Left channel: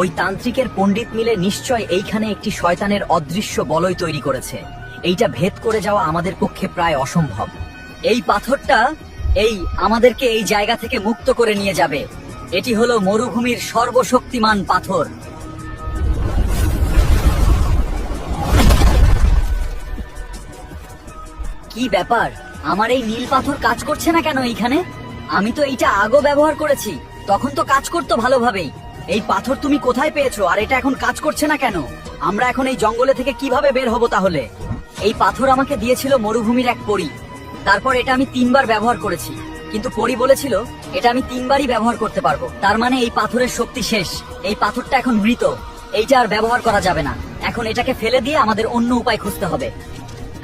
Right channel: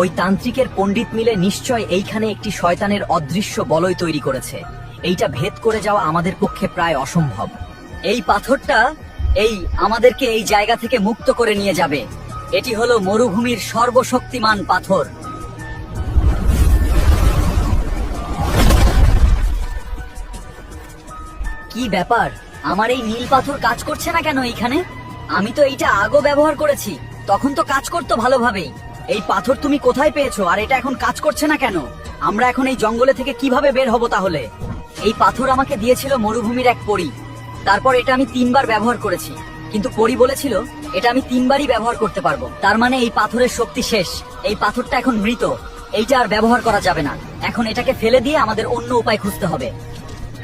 ওই তান্ত্রিকের পণ্ডিত মিলে নিশ্চয় এইখানে একটি শয়তানের অদৃশ্য বলয় তৈরি করেছে। এইটা ভেদ করে যাওয়া আমাদের পক্ষে প্রায় অসম্ভব। এই পাথরটা আমাদেরকে এই জায়গা থেকে মুক্ত করে নিয়ে যাবে। এটি হলো মরুভূমির সর্বশক্তিমান পাথর। কি ব্যাপার, আমার এই নীল পাথর কাজ করছে না কেন এইখানে? আমি তো এইটা আগেও ব্যবহার করেছি, তখন তো কাজ করতো ভালোভাবেই। এই পাথর তুমি কোথায় পেয়েছো আর এটা এখন কাজ করছে না কেন? আমরা এখন এই জঙ্গলে থেকে কিভাবে বের হব তাহলে? এই পাথর আমাকে দিয়েছিল মরুভূমির এক পরী। তারপর এটা আমি 3 বার ব্যবহার করেছি, কিন্তু পরী বলেছিল এটা আমি 3 বারই ব্যবহার করতে পারবো। তার মানে এই পাথরের শক্তি শেষ। এই পাথরটা এখন মৃত, এইটা আর ব্যবহার করা যাবে না। এখন এটাকে ফেলে দিয়ে আমাদের অন্য উপায় খুঁজতে হবে।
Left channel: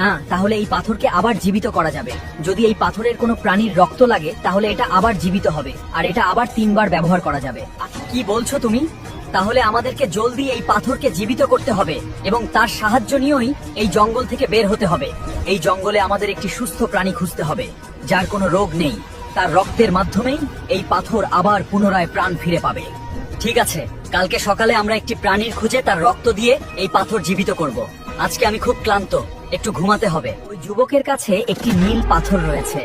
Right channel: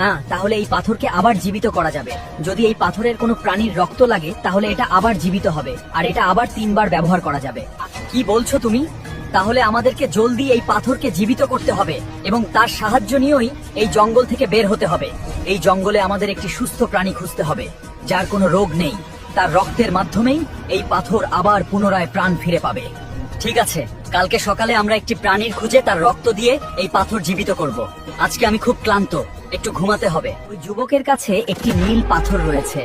হ্যাঁ, তাহলে এই পাথরকে আবার জীবিত করা যাবে। যদি এই পাথরের কোনো প্রাণীর রক্ত লাগে তাহলে এটা আবার জীবিত হবে আর এটা আবার 3 বার ব্যবহার করা যাবে। কি বলছো তুমি? তাহলে আমাদেরকে জলদি এই পাথরকে জীবিত করতে হবে এবং তার সাহায্য নিয়েই এই জঙ্গল থেকে বের হতে হবে। এই জঙ্গলে আমাদের একটি সুস্থ প্রাণী খুঁজতে হবে যার কোনো রোগ নেই। তার রক্তের মাধ্যমেই এই পাথর আবার পুনরায় প্রাণ ফিরে পাবে। ঠিক আছে, কালকে সকালে আমরা একটি প্রাণীর খুঁজে তার রক্ত দিয়ে এই পাথর জীবিত করব। আজকে আমি খুব ক্লান্ত, একটু ঘুমাতে হবে। ওই যুবকের কাছে একটি নীল পাথর রয়েছে,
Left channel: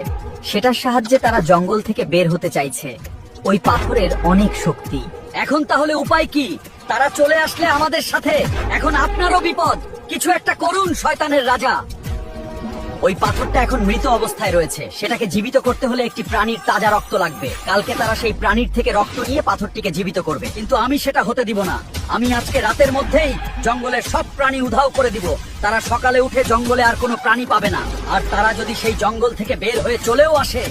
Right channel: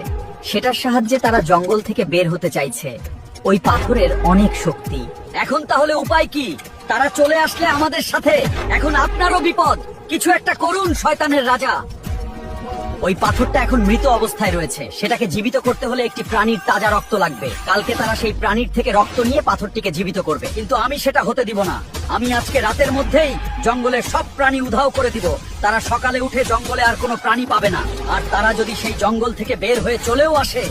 সেটার সাহায্যে তারা জঙ্গল থেকে বের হতে চাইছে। ওই পাথরের অনেক শক্তি। এখন তাহলে উপায় কি? তারা চলে আসলে আমাদের সাথে এখন আপনারও বিপদ। কিছু একটা করুন শয়তানের রাজা। ওই পাথরটা এখন মৃত অবস্থায় রয়েছে, সেটাকে জীবিত করতে হলে একটি প্রাণীর তাজা রক্ত লাগবে। কালকে তারা সেই প্রাণীর থেকে রক্ত নিয়ে পাথরটিকে জীবিত করবে, কিন্তু আমি সেটা হতে দিব না। আমি আজকে রাতের মধ্যেই জঙ্গলের সব প্রাণী উধাও করে দিব। তারা সকালে উঠে জঙ্গলে আর কোনো প্রাণী পাবে না। আর তারা যদি সেই জঙ্গল থেকে বের হয়ে চলেও আসে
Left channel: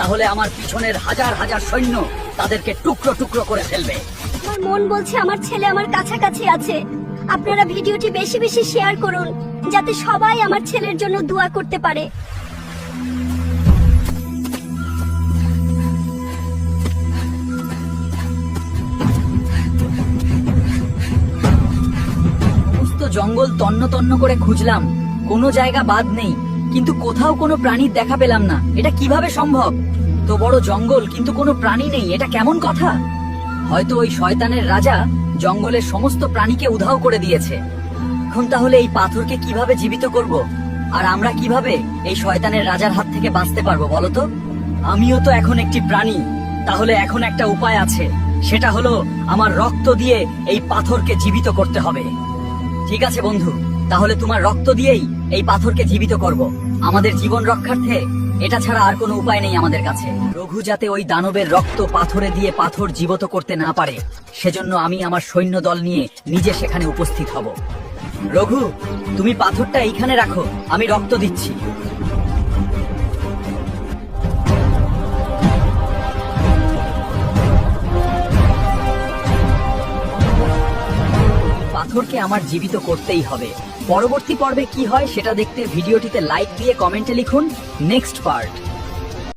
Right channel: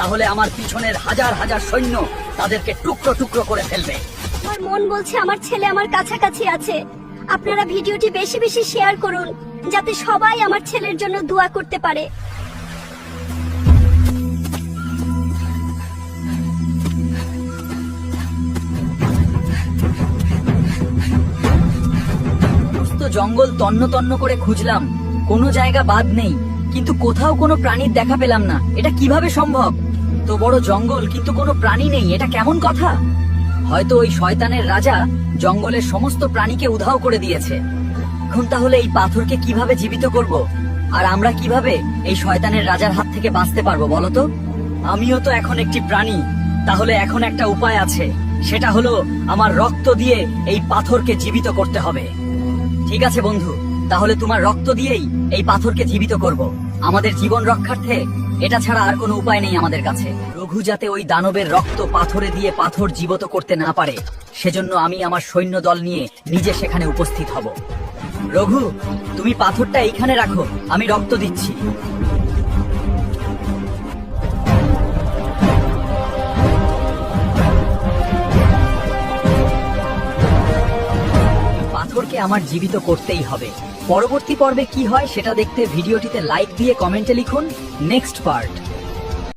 তাহলে আমার পিছনের হাজার হাজার সৈন্য তাদেরকে টুকরো টুকরো করে ফেলবে। আমার মন বলছে আমার ছেলে আমার কাছাকাছি আছে। আপনারা ভিডিওটি বেশি বেশি শেয়ার করুন যাতে সবাই আমার ছেলের জন্য দোয়া করতে পারে। জঙ্গল তন্ন তন্ন করে খুঁজলাম, কোনো জায়গা বাদ নেই, কিন্তু কোথাও কোনো প্রাণীর দেখা পেলাম না। এটা কিভাবে সম্ভব? তো বড় জঙ্গল কিন্তু কোনো প্রাণী নেই, এটা কেমন কথা? হয়তো ওই শয়তানের রাজা জঙ্গলের সমস্ত প্রাণীকে উধাও করে দিয়েছে। এখন তাহলে এই পাথরকে কিভাবে জীবিত করব? আর আমরা কিভাবে এই শয়তানের রাজার হাত থেকে বাঁচতে পারবো বলো তো? আমিও তো এখন একটি প্রাণী, তাহলে এখন একটা উপায় আছে, সেটা হলো আমার রক্ত দিয়ে এই পাথরকে জীবিত করতে হবে। ঠিক আছে বন্ধু, তাহলে তোমার রক্ত দিয়েই এই পাথরকে জীবিত করব। আমাদের জীবন রক্ষার্থে এটা ছাড়া আর কোনো উপায় নেই আমাদের কাছে। রঘু যাতে ওই দানবের রক্ত পাথরে দিয়ে পাথর জীবিত করতে না পারে, সেজন্য আমি আমার সৈন্য দল নিয়ে নিজে সেখানে উপস্থিত হব। রঘু, তুমি পাথরটা এইখানে রাখো, আমি রক্ত দিচ্ছি। পাথরকে আমার জীবিত করতেই হবে। পরবর্তী পর্বে কি হয় সেটা দেখতে ভিডিওটিতে লাইক দিয়ে কমেন্টে লিখুন নেক্সট পার্ট।